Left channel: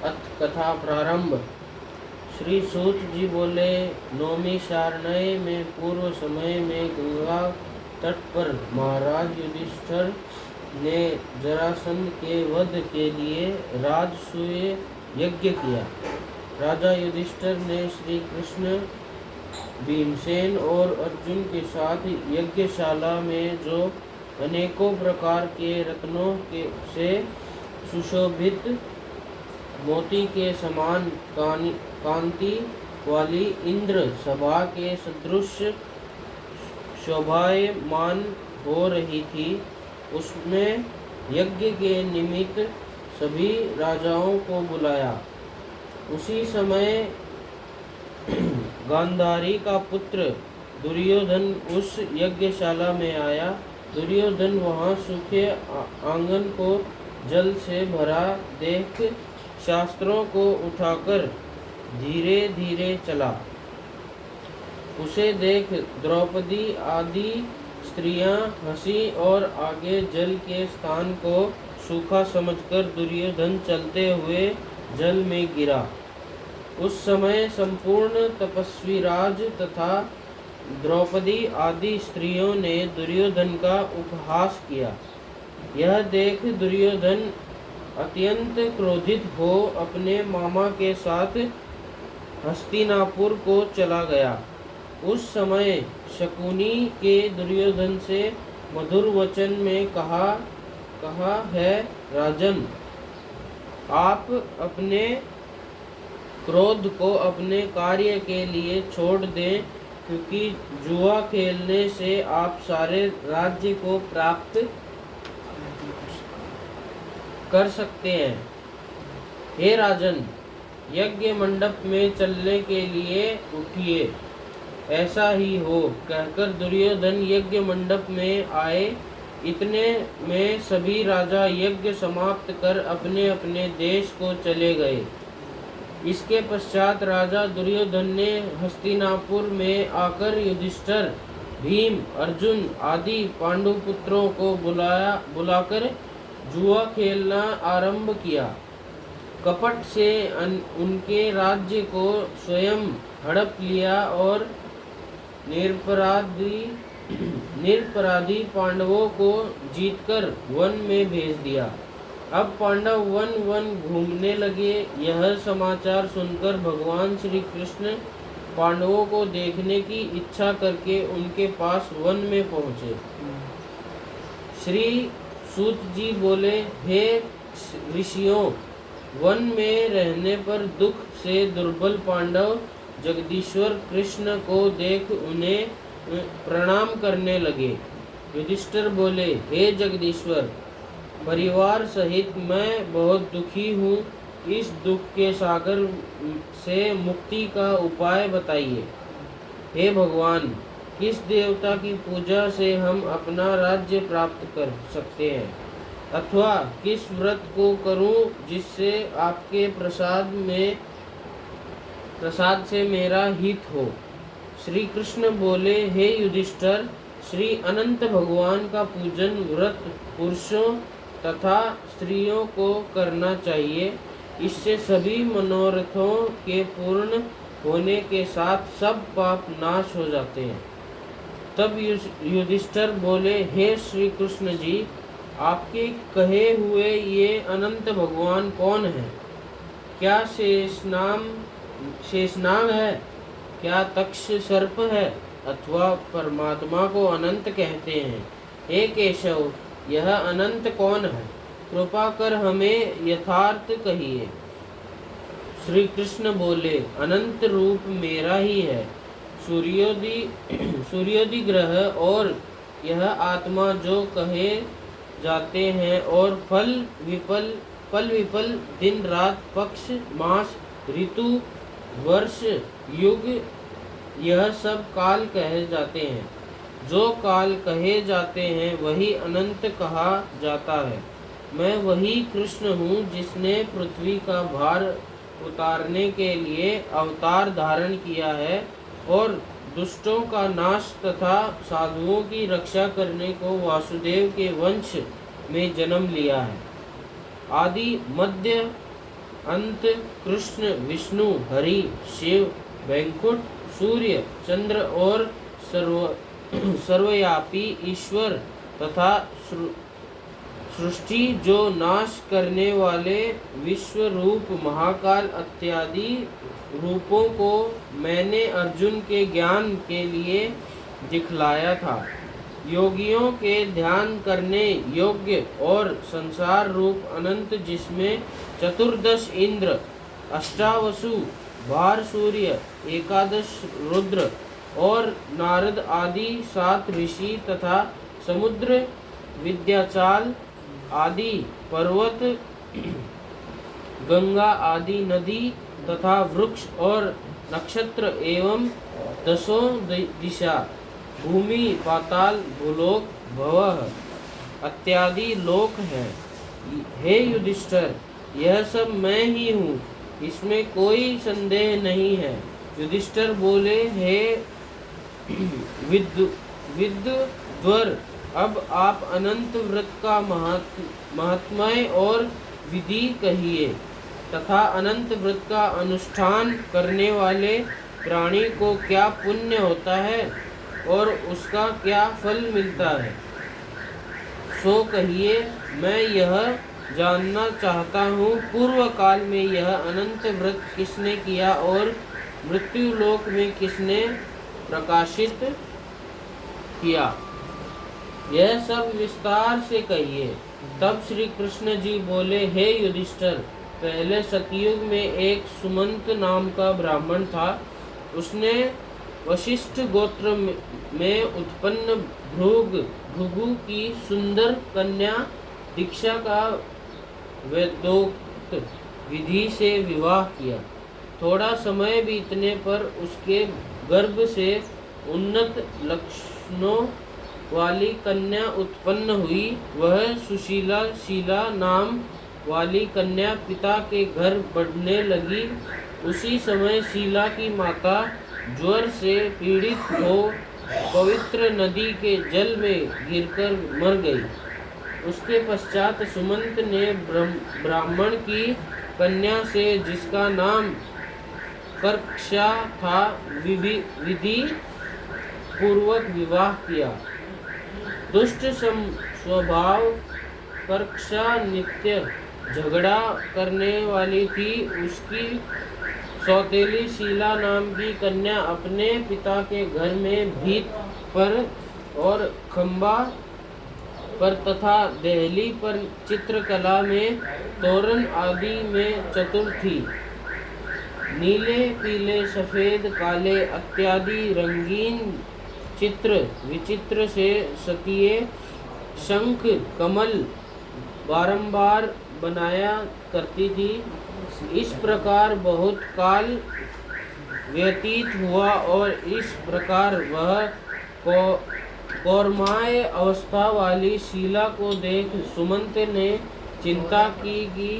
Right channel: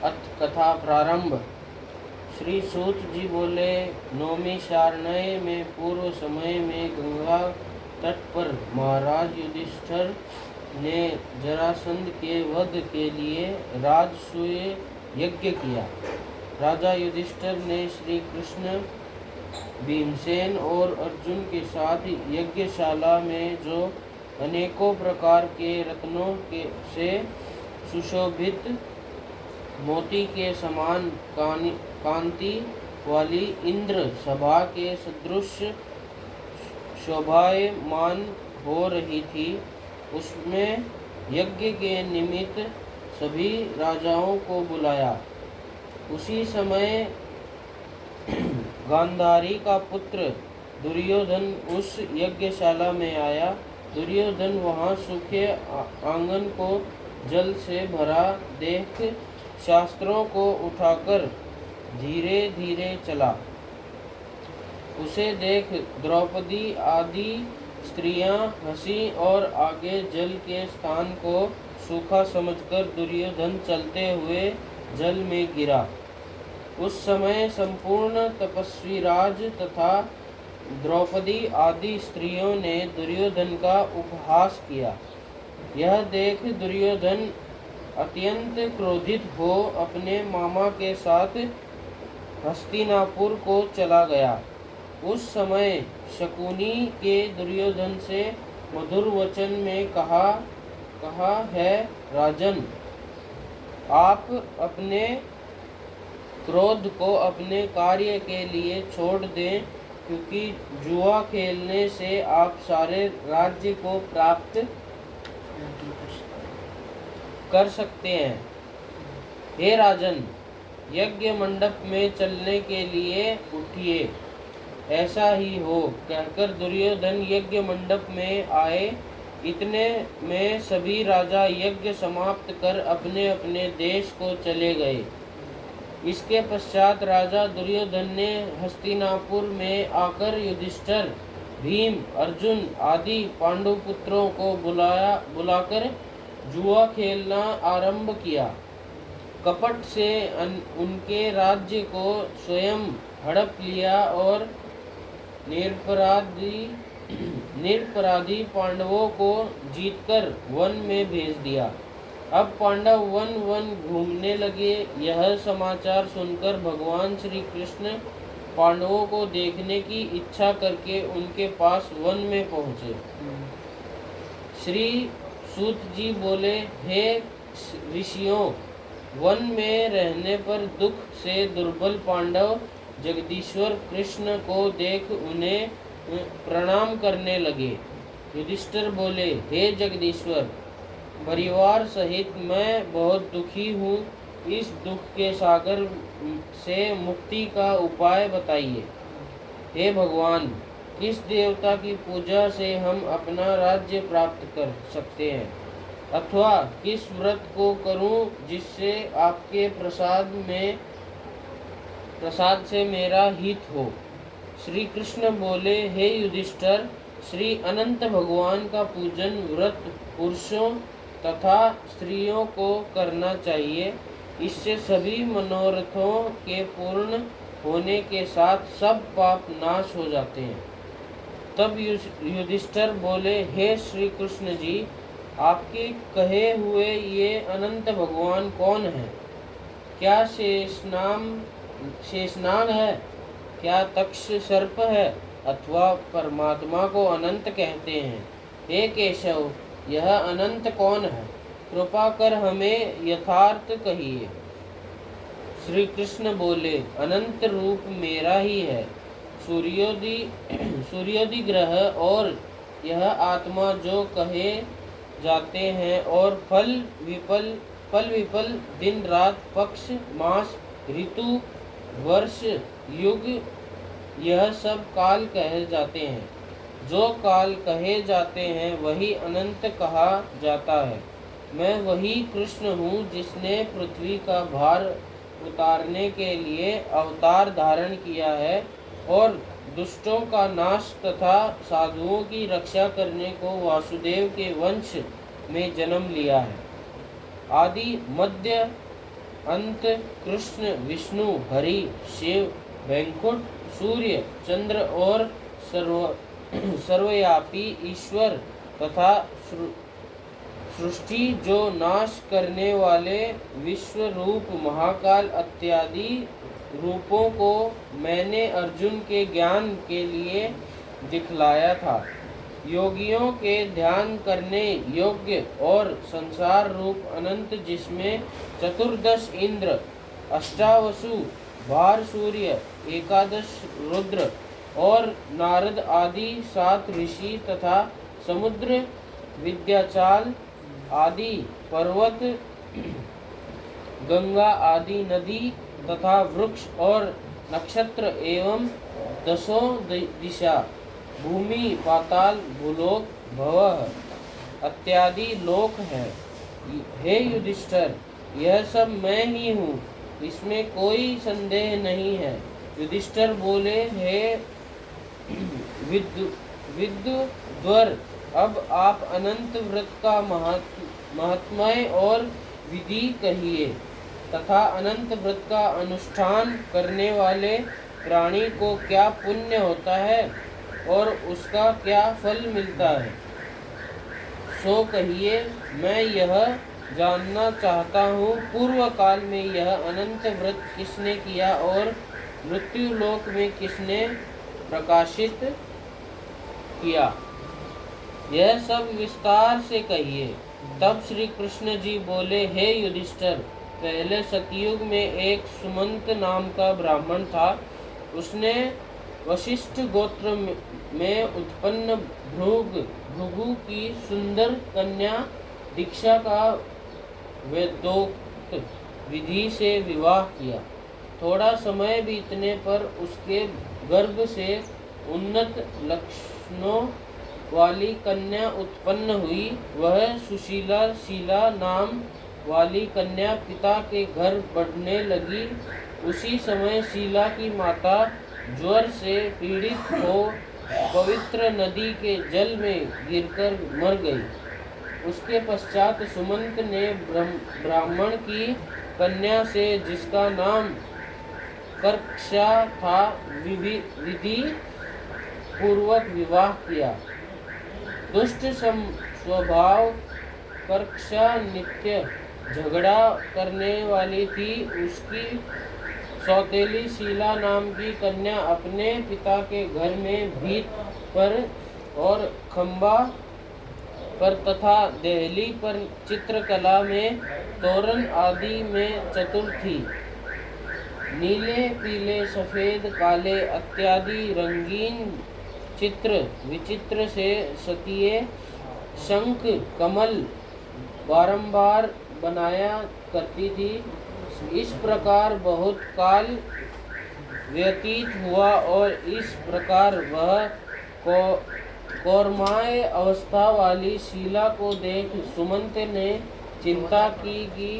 अथ कथा प्रारंभ। श्री सूत जी बोले, नौमी शारण्य में पूर्व समय में गंगा तट पर महाराज युधिष्ठिर ने जरासंध के वध के लिए राजसूय यज्ञ किया। राजा युधिष्ठिर ने श्री कृष्ण, भीमसेन और अर्जुन के साथ यज्ञशाला में जो अनेकों प्रकार के रत्नों से सुशोभित मोती के समान कांति वाली इंद्र सभा के सदृश शोभायमान हो रही थी, उसमें यज्ञ के निमित्त सभी राजाओं को बुलाया। उसी समय गांधारी का पुत्र दुर्योधन उस यज्ञशाला में आया। दुर्योधन वहां सूखे आंगन को जल से भरा देख शास्त्रों को उठाकर धीरे धीरे चला। उसे देख द्रौपदी आदि स्त्रियां हंसी और आगे जल के स्थान को सूखा समझकर दुर्योधन चलते हुए जल में गिरा। उस समय संपूर्ण तपस्वी राज तथा द्रौपदी आदि स्त्रियों ने दुर्योधन का उपहास किया। यह देख दुर्योधन अत्यंत क्रोधित हो अपने मामा के साथ हस्तिनापुर को चला गया। उस समय शकुनी के दुर्योधन से मधुर वचन में कहा है, राजन, आप अपने क्रोध को अपने कार्य के लिए छोड़ दें, क्योंकि जुआ खेलने से आप सारे राज्य को प्राप्त कर सकते हैं। हे राजन, यज्ञ मंडप में चलने के लिए उठिए। ऐसा ही हो, कहकर दुर्योधन यज्ञ मंडप में आए। इतने में सभी राजा यज्ञ समाप्त कर अपने अपने देश को चले गए। इसके पश्चात राजा दुर्योधन ने हस्तिनापुर में आकर युधिष्ठिर, भीम, अर्जुन आदि पांडुपुत्रों को बुलाकर जुआ खेलना आरंभ किया। कपट से उनके राज्य को स्वयं हड़प लिया और निरपराधी पांडवों को जीतकर वन में भेज दिया। अब पांडव वन घूमने लगे। यह समाचार सुनकर भगवान श्री कृष्ण पांडवों को देखने की इच्छा करके उनके पास वन में पहुँचे। श्री सूत जी बोले, हे ऋषियों, वन में रहने पर दुख से दुर्बल पांडव जगदीश्वर कृष्ण को देख उन्हें प्रणाम करने लगे। युधिष्ठिर बोले, हे जगदीश्वर, परिवार सहित मैं बहुत दुखी हूँ। इस दुख के सागर से मुक्ति का उपाय बताइए। हे भगवान, किस देवता की पूजा से हम अपना राज्य प्राप्त कर सकते हैं, अथवा किस व्रत को करूं जिससे आपके प्रसाद से मेरा हित हो। श्री कृष्ण बोले, हे युधिष्ठिर, श्री अनंत भगवान का पूजन व्रत पुरुषों तथा स्त्रियों को करना चाहिए। इससे सभी मनोरथों के पूर्ण होने के साथ सब पाप नाश हो जाते हैं। तब युधिष्ठिर बोले, हे श्री कृष्ण जी, आपके कहे हुए ये अनंत भगवान कौन है? क्या शेषनाग है? क्या तक्ष सर्प है? अथवा परमात्मा को अनंत कहते हैं? हे केशव, यह अनंत कौन है? कृपा कर हमें यथार्थ कहिए। श्री कृष्ण बोले, अनंत रूप मेरा ही है। सूर्योदय ग्रह और यह आत्मा जो कहे जाते हैं, और फल विफल दिन रात, पक्ष मास, ऋतु, वर्ष, युग, यह सब काल कहे जाते हैं। जो काल कहे जाते हैं वही अनंत कहा जाता है। मैं वही कृष्ण हूँ जिसने पृथ्वी का भार उतारने के लिए अवतार धारण किया है और दुष्टों का नाश तथा साधुओं की रक्षा करने को वासुदेव के वंश में जन्म लिया है। आदि मध्य अंत कृष्ण, विष्णु, हरि, शिव, वैकुंठ, सूर्य, चंद्र और सर्वव्यापी ईश्वर तथा सृष्टि जो नाश करने वाले विश्व रूप महाकाल इत्यादि रूपों को मैंने अर्जुन के ज्ञान के लिए दिखलाया था। योगियों के ध्यान करने योग्य और संसार रूप अनंत, जिसमें चतुर्दश इंद्र, अष्टावसु, 12 सूर्य, 11 रुद्र और नारद आदि 7 ऋषि तथा समुद्र, विद्याचाल आदि पर्वत, गंगा आदि नदी तथा वृक्ष और नक्षत्र एवं 10 दिशा, भूमि, पाताल, भूलोक, भवः इत्यादि लोक है। हे युधिष्ठिर, यह सब मैं ही हूँ, इसमें कोई संदेह नहीं है। युधिष्ठिर बोले, हे विद्वर, अब आप अनंत व्रत का महात्म्य और विधि कहिए तथा अनंत व्रत का अनुष्ठान करने वाले प्राणी को क्या पुण्य होता है और उसका क्या फल मिलता है, सो कहिए। मैं यह जानना चाहता हूँ, पूर्व काल में यह अनंत व्रत किसने किया और मृत्यु लोक में किसने प्रकाशित किया, यह सब विस्तार से कहिए। तब श्री कृष्ण जी बोले, हे युधिष्ठिर, पहले सतयुग में एक सुमंत नाम का ब्राह्मण था। उसने वशिष्ठ गोत्र में उत्पन्न भृगु की सुंदर कन्या दीक्षा का वेदोक्त विधि से विवाह किया। थोड़ा समय बीतने पर उसके गर्भ से उन्नत लक्षणों वाली कन्या उत्पन्न हुई। वह सुशीला शीला नाम वाली कन्या पिता के घर बढ़ने लगी। उसी समय शीला की माता ज्वर से पीड़ित हो पवित्र नदी के जल में गिरकर मर गई। उसके पश्चात सुमंत ने ब्राह्मण की कन्या से, जिसका नाम कर्क्षा था, विधि पूर्वक विवाह किया। दुष्ट स्वभाव कर्क्षा नित्य झगड़ा करने वाली थी। उसकी सौतेली शीला नाम की कन्या अपने पिता के घर में भीत पर और खंबा पर तथा देहली पर चित्रकला में, तोरण आदि में चतुर थी। नीले, पीले, सफेद, काले इत्यादि रंगीन चित्र विचित्र से सतिये शंख कमल बारंबार बनाया करती थी। इस प्रकार बहुत काल व्यतीत हुआ और इस प्रकार वह कौरमाय अवस्था वाली शीला को देख सुमंत ने चिंता की कि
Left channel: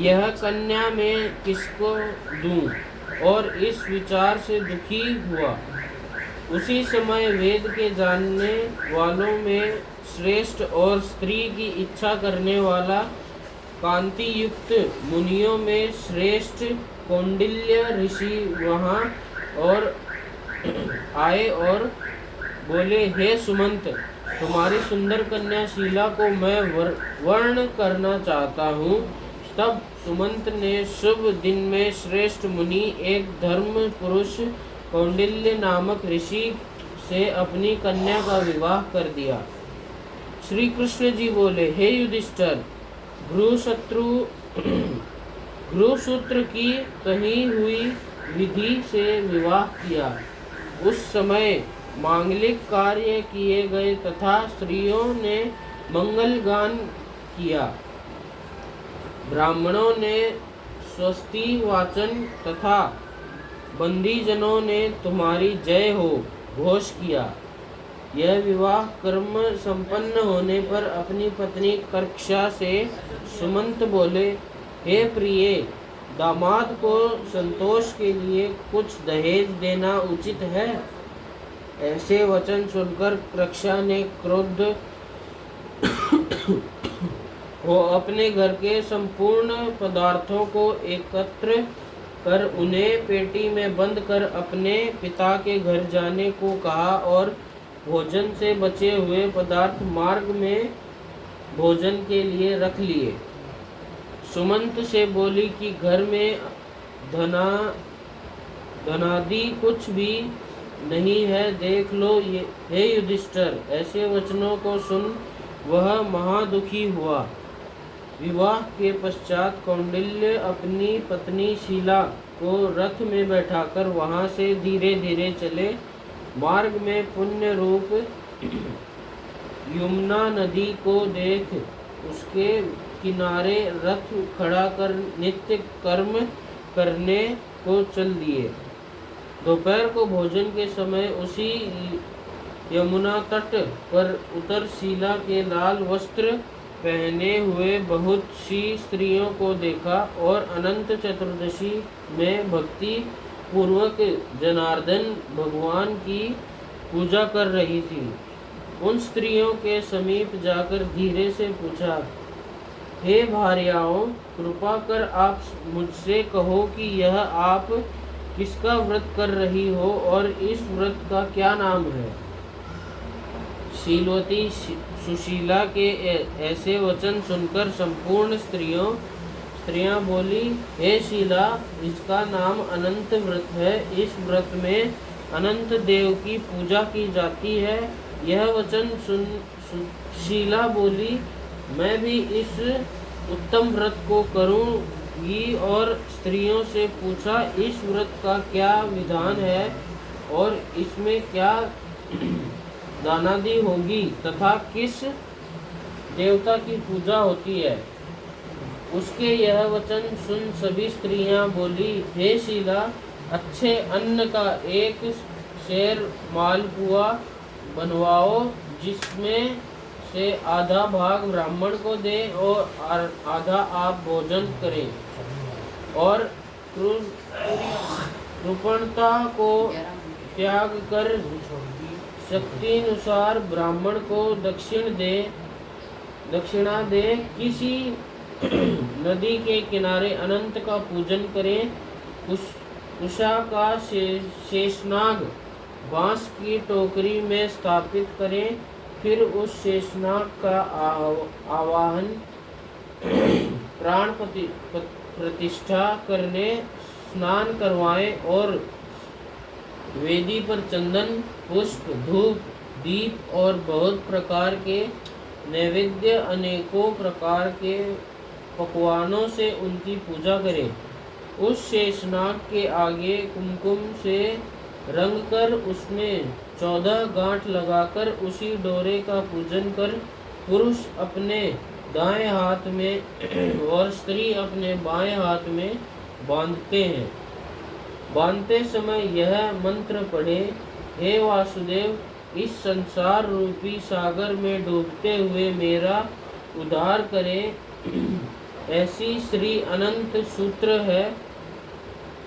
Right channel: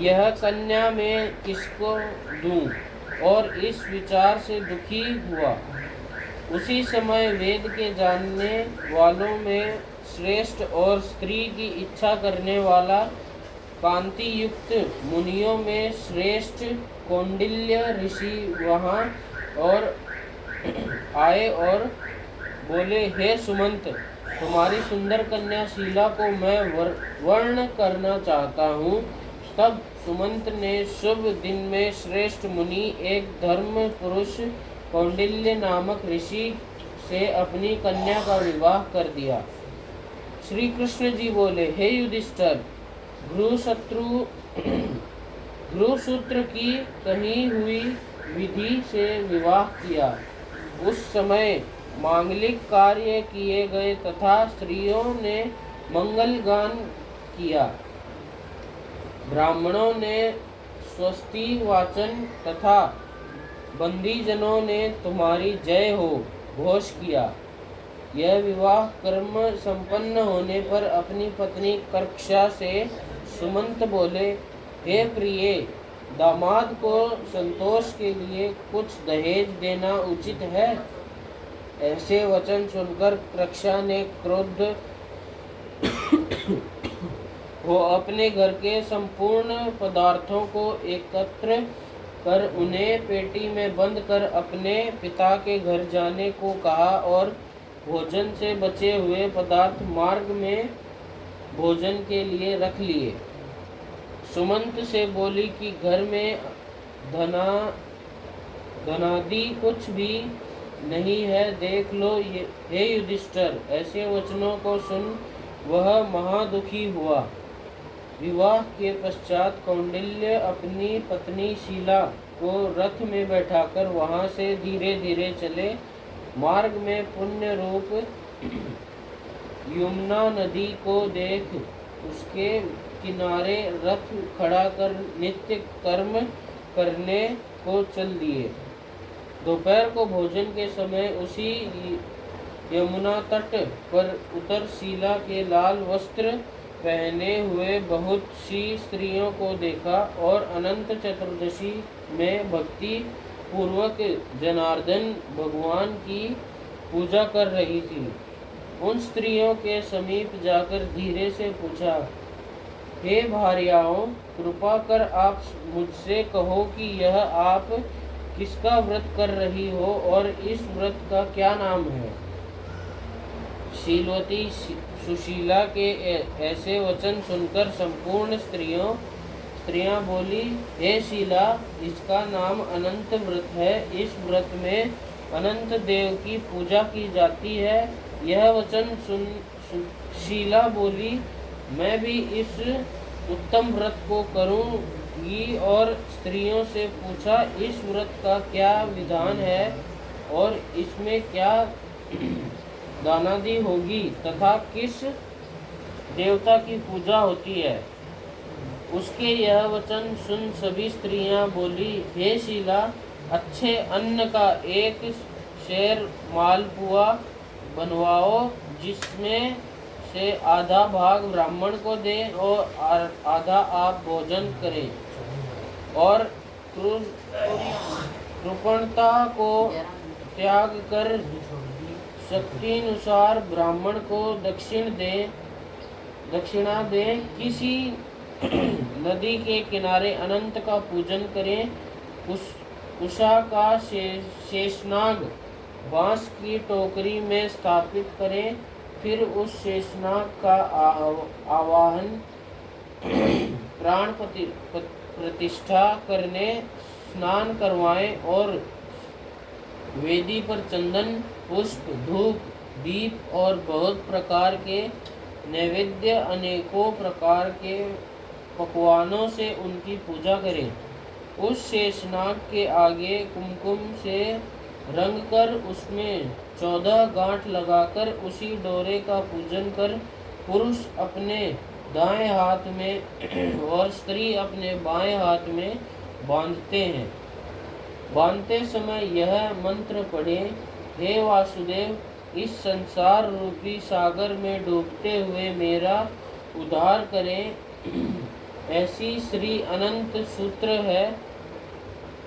यह कन्या मैं किसको दूं, और इस विचार से दुखी हुआ। उसी समय वेद के जानने वालों में श्रेष्ठ और स्त्री की इच्छा करने वाला कांति युक्त मुनियों में श्रेष्ठ कौंडिल्य ऋषि वहाँ और आए और बोले, हे सुमंत, तुम्हारी सुंदर कन्या शीला को मैं वर्ण करना चाहता हूँ। तब सुमंत ने शुभ दिन में श्रेष्ठ मुनि एक धर्म पुरुष कौंडिल्य नामक ऋषि से अपनी कन्या का विवाह कर दिया। श्री कृष्ण जी बोले, हे युधिष्ठिर, भ्रुसूत्र की कही हुई विधि से विवाह किया। उस समय मांगलिक कार्य किए गए तथा स्त्रियों ने मंगल गान किया। ब्राह्मणों ने स्वस्ति वाचन तथा बंदीजनों ने तुम्हारी जय हो घोष किया। यह विवाह कर्म संपन्न होने पर अपनी पत्नी कर्क्षा से सुमंत बोले, हे प्रिय, दामाद को संतोष के लिए कुछ दहेज देना उचित है। ऐसे वचन सुनकर कर्क्षा ने वो अपने घर के संपूर्ण पदार्थों को एकत्र कर उन्हें पेटी में बंद कर अपने पिता के घर जाने को कहा और भोजन से बचे हुए पदार्थ मार्ग में भोजन के लिए रख लिए। सुमंत से बोली कि घर में धनादि कुछ भी नहीं है, देख लो ये। हे युधिष्ठिर, ऐसे वचनों को सुन वह महादुखी हुआ। विवाह के पश्चात कौंडिल्य अपनी पत्नी शीला को रथ में बैठाकर वहां से धीरे धीरे चले। मार्ग में पुण्य रूप यमुना नदी को देख उसके किनारे रथ खड़ा कर नित्य कर्म करने को चल दिए। दोपहर को भोजन के समय उसी यमुना तट पर उतर शीला के लाल वस्त्र पहने हुए बहुत सी स्त्रियों को देखा और अनंत चतुर्दशी में भक्ति पूर्वक जनार्दन भगवान की पूजा कर रही थी। उन स्त्रियों के समीप जाकर धीरे से पूछा, हे भार्याओं, कृपा कर आप मुझसे कहो कि यह आप किसका व्रत कर रही हो और इस व्रत का क्या नाम है। शीलवती सुशीला के ऐसे वचन सुनकर संपूर्ण स्त्रियां बोली, हे शीला, इसका नाम अनंत व्रत है। इस व्रत में अनंत देव की पूजा की जाती है। यह वचन सुन शीला बोली, मैं भी इस उत्तम व्रत को करूंगी और स्त्रियों से पूछा, इस व्रत का क्या विधान है और इसमें क्या दानादि होगी तथा किस देवता की पूजा होती है। उसके यह वचन सुन सभी स्त्रियां बोली, हे शीला, अच्छे अन्न का एक शेर मालपुआ बनवाओ, जिसमें से आधा भाग ब्राह्मण को दे और आधा आप भोजन करें, और कृपणता को त्याग कर शक्ति अनुसार ब्राह्मण को दक्षिणा दे। किसी नदी के किनारे अनंत का पूजन करें। उषा का शेषनाग बांस की टोकरी में स्थापित करें, फिर उस शेषनाग का आवाहन प्राण प्रतिष्ठा करने स्नान करवाएं और वेदी पर चंदन, पुष्प, धूप, दीप और बहुत प्रकार के नैवेद्य अनेकों प्रकार के पकवानों से उनकी पूजा करें। उस शेषनाग के आगे कुमकुम से रंग कर उसमें 14 गांठ लगाकर उसी डोरे का पूजन कर पुरुष अपने दाएं हाथ में और स्त्री अपने बाएं हाथ में बांधते हैं। बांधते समय यह मंत्र पढ़े, हे वासुदेव, इस संसार रूपी सागर में डूबते हुए मेरा उद्धार करें। ऐसी श्री अनंत सूत्र है,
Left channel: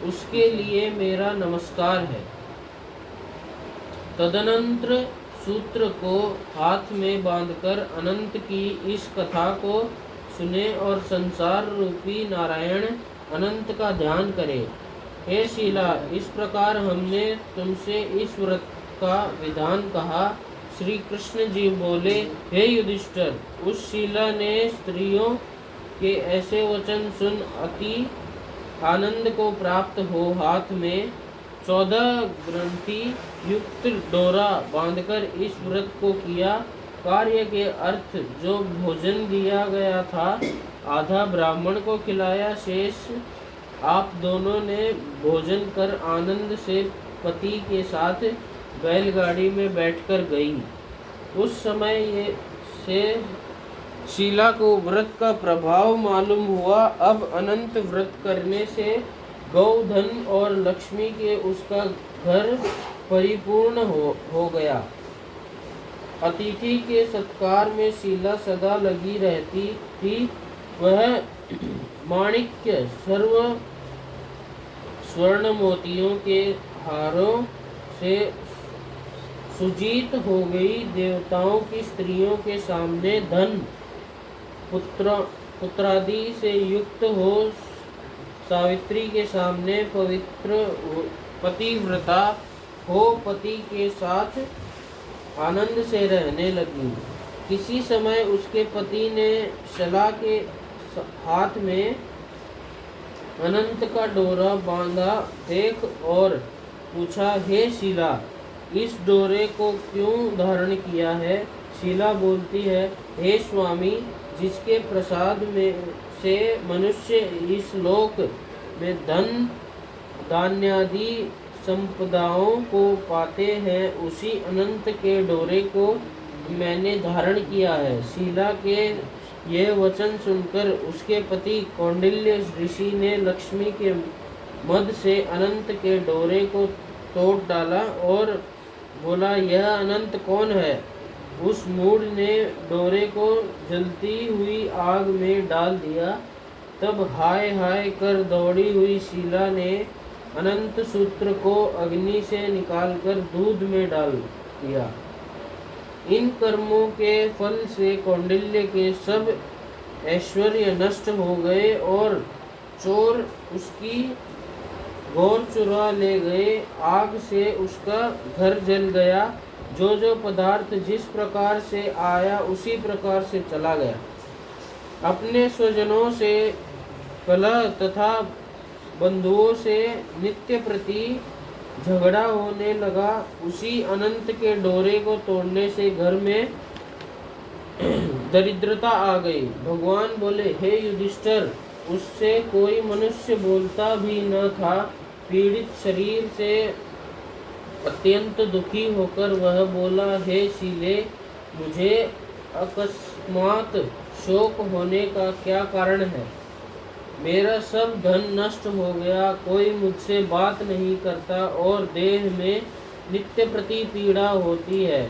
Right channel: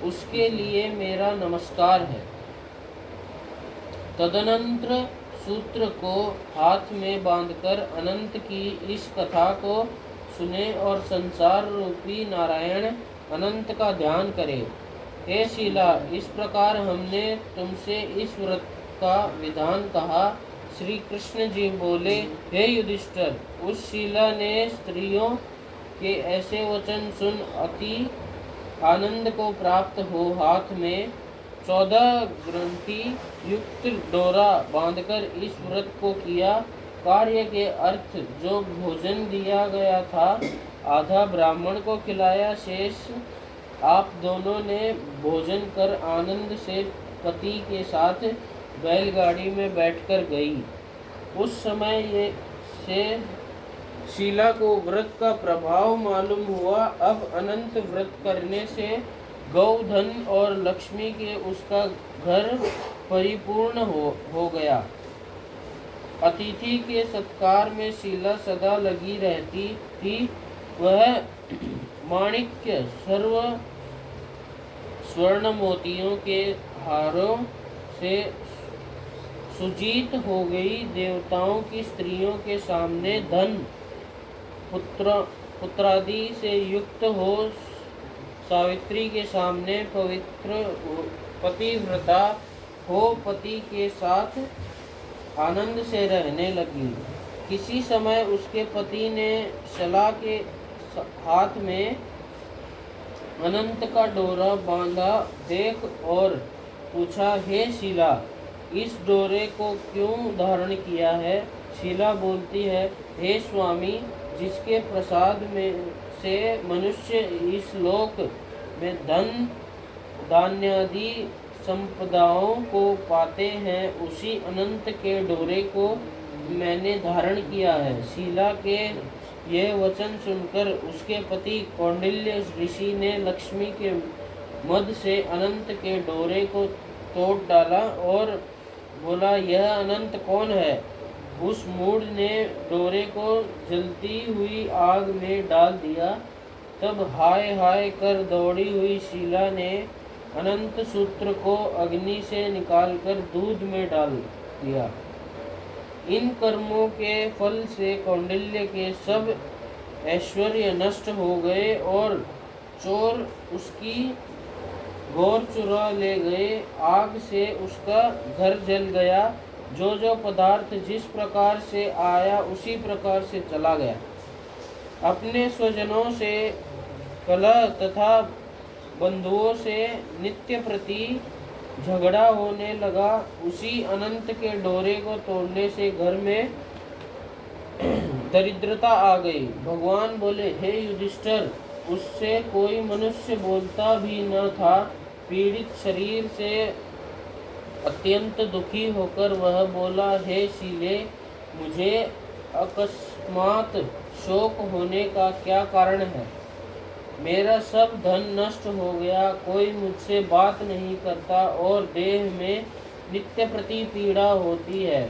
उसके लिए मेरा नमस्कार है। तदनंतर सूत्र को हाथ में बांधकर अनंत की इस कथा को सुने और संसार रूपी नारायण अनंत का ध्यान करें। हे शीला, इस प्रकार हमने तुमसे इस व्रत का विधान कहा। श्री कृष्ण जी बोले, हे युधिष्ठिर, उस शीला ने स्त्रियों के ऐसे वचन सुन अति आनंद को प्राप्त हो हाथ में 14 ग्रंथि युक्त डोरा बांधकर इस व्रत को किया। कार्य के अर्थ जो भोजन दिया गया था, आधा ब्राह्मण को खिलाया, शेष आप दोनों ने भोजन कर आनंद से पति के साथ बैलगाड़ी में बैठकर गई। उस समय से शीला को व्रत का प्रभाव मालूम हुआ। अब अनंत व्रत करने से गौधन और लक्ष्मी के उसका घर परिपूर्ण हो गया। अतिथि के सत्कार में शीला सदा लगी रहती थी। वह माणिक्य सर्व स्वर्ण मोतियों के हारों से सुजीत हो गई। देवताओं की स्त्रियों के सामने धन पुत्र पुत्रादि से युक्त हो सावित्री के सामने पवित्र पतिव्रता हो पति के साथ आनंद से रहने लगी। किसी समय उसके पति ने शला के हाथ में अनंत का डोरा बांधा देख और पूछा, हे शीला, इस डोरे को क्यों धारण किया है? शीला बोलती है, हे स्वामी, जिसके प्रसाद में से मनुष्य इस लोक में धन धान्यादि संपदाओं को पाते हैं, उसी अनंत के डोरे को मैंने धारण किया है। शीला के यह वचन सुनकर उसके पति कौंडिल्य ऋषि ने लक्ष्मी के मद से अनंत के डोरे को तोड़ डाला और बोला, यह अनंत कौन है? उस मूढ़ ने डोरे को जलती हुई आग में डाल दिया। तब हाय हाय कर दौड़ी हुई शीला ने अनंत सूत्र को अग्नि से निकालकर दूध में डाल दिया। इन कर्मों के फल से कौंडिल्य के सब ऐश्वर्य नष्ट हो गए और चोर उसकी गौर चुरा ले गए। आग से उसका घर जल गया। जो जो पदार्थ जिस प्रकार से आया उसी प्रकार से चला गया। अपने स्वजनों से कलह तथा बंधुओं से नित्य प्रति झगड़ा होने लगा। उसी अनंत के डोरे को तोड़ने से घर में दरिद्रता आ गई। भगवान बोले, हे युधिष्ठिर, उससे कोई मनुष्य बोलता भी न था। पीड़ित शरीर से अत्यंत दुखी होकर वह बोला, हे शीले, मुझे अकस्मात शोक होने का क्या कारण है? मेरा सब धन नष्ट हो गया, कोई मुझसे बात नहीं करता और देह में नित्य प्रति पीड़ा होती है।